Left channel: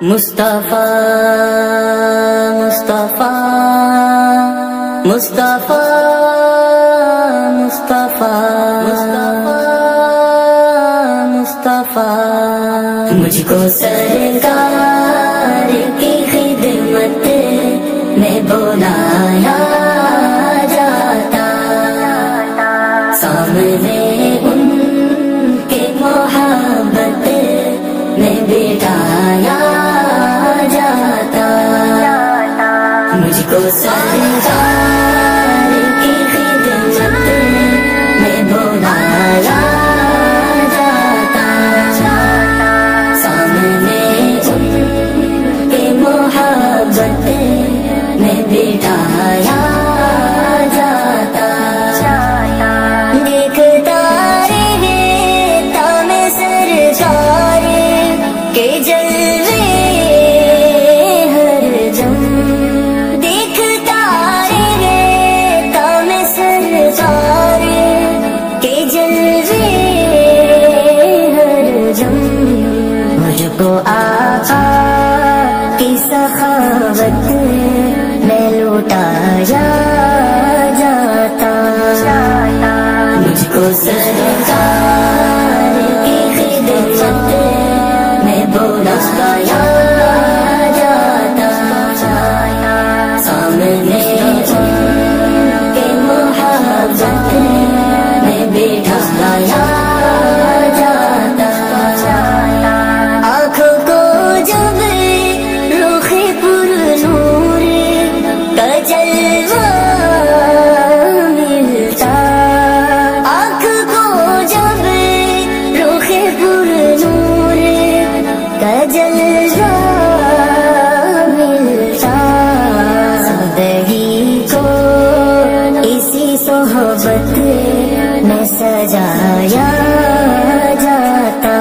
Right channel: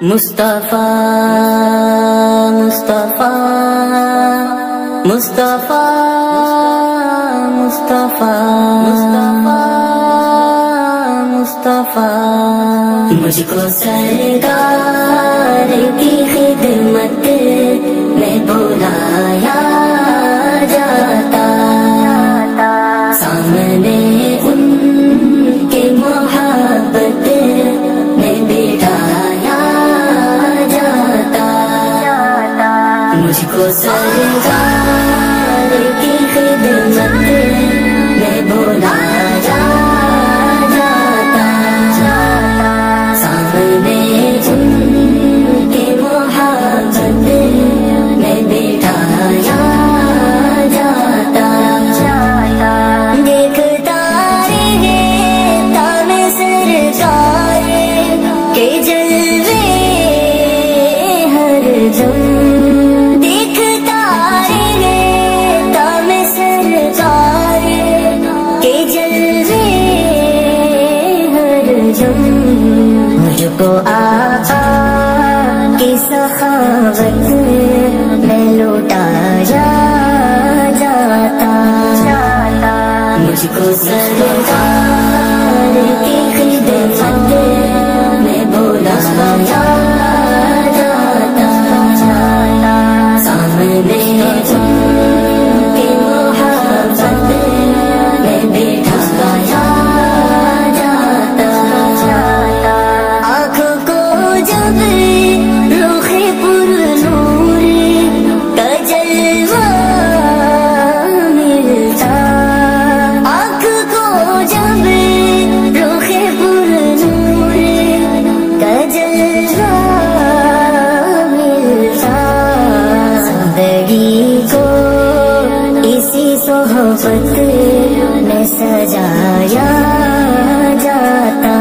مصطفیٰ مصطفیٰ مصطفیٰ مصطفیٰ مصطفیٰ مجھ کو سرکار کی خدمت میں بلایا جاتا، سامنے ان کے محبت میں بٹھایا جاتا، مجھ کو سرکار کی خدمت میں بلایا جاتا، سامنے ان کی محبت میں بٹھایا جاتا، دیکھتا رہتا میں سرکار کے جلوے ہر دم، دیکھتا رہتا میں سرکار کے جلوے ہر دم، مجھ کو آقا کی سخاوت میں لوٹایا جاتا، مجھ کو سرکار کی خدمت میں بلایا جاتا، سامنے ان کی محبت میں بٹھایا جاتا، آنکھوں کو جب رخ پر نور کا جلوہ ملتا، آنکھ کو جب رخ پر نور کا جلوہ ملتا، زندگی کو اسی صحبت میں سجایا جاتا،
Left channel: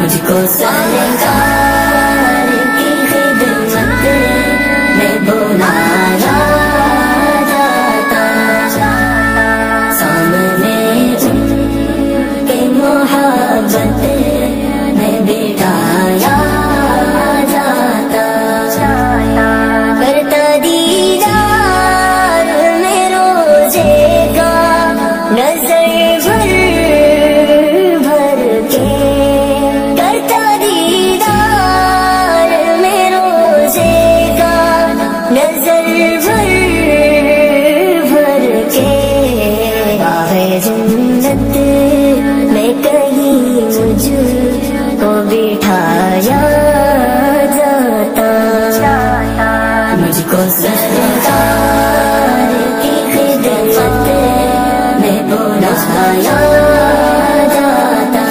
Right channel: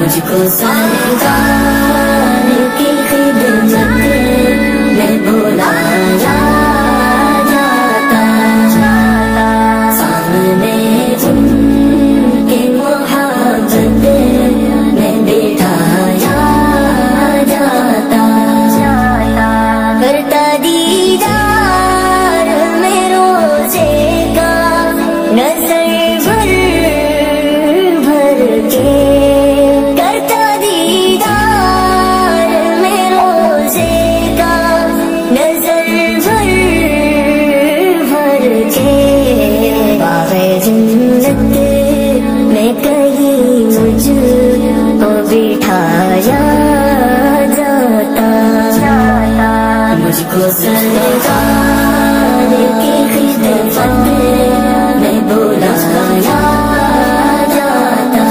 مجھ کو سرکار کی خدمت میں بلایا جاتا، سامنے ان کی محبت میں بٹھایا جاتا، کرتا دیدار میں روزے کا نظر بھر بھر کے، کرتا دیدار میں روزے کا نظر بھر بھر کے، باغ جنت میں کہیں مجھ کو بٹھایا جاتا، مجھ کو سرکار کی خدمت میں بلایا جاتا،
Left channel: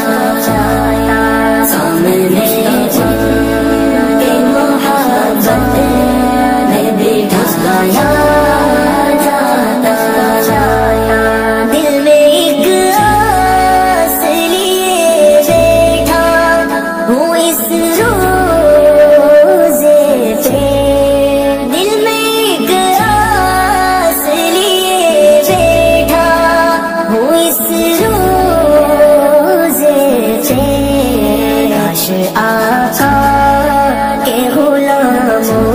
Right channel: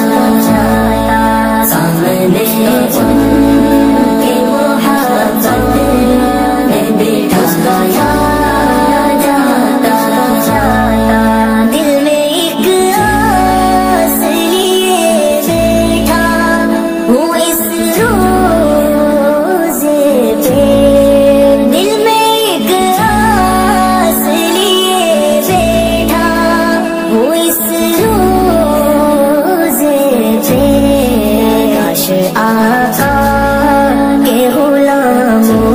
سامنے ان کی محبت میں بٹھایا جاتا، دل میں ایک آس لیے بیٹھا ہوں اس روزے پہ، دل میں ایک آس لیے بیٹھا ہوں اس روزے پہ، کاش آقا کے غلاموں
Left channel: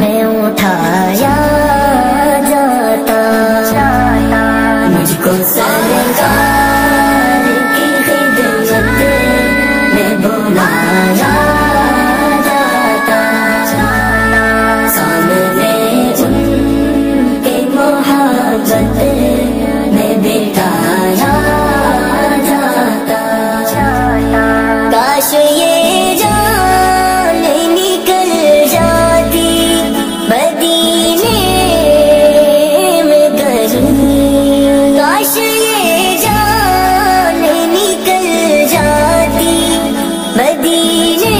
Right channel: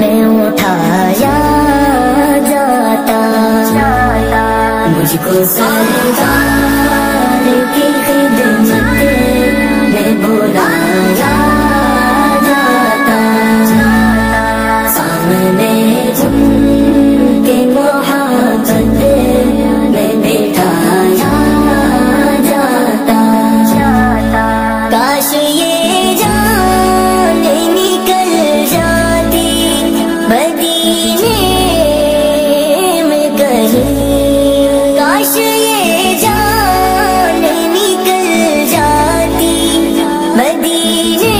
میں اٹھایا جاتا، مجھ کو سرکار کی خدمت میں بلایا جاتا، سامنے ان کی محبت میں بٹھایا جاتا، کاش یہ جان نکل جاتی مدینے میں کہیں، کاش یہ جان نکل جاتی مدینے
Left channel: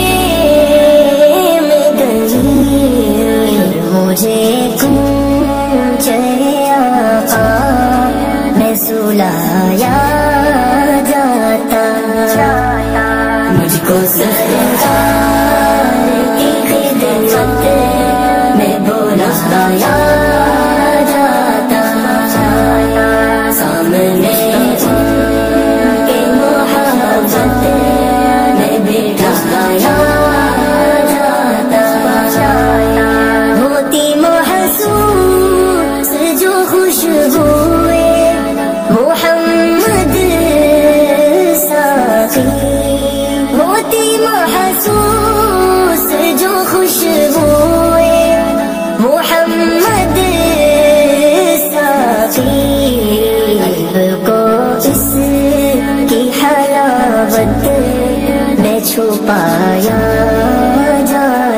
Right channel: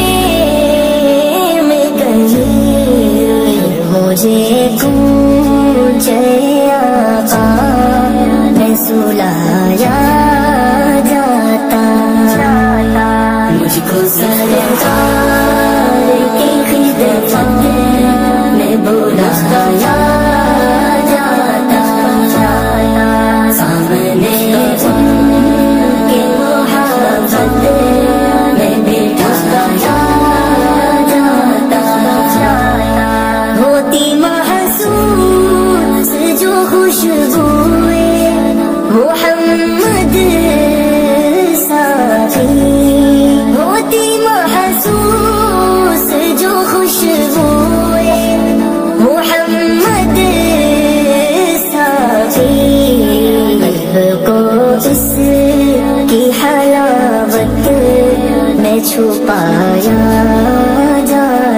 کی حلاوت میں چھپایا جا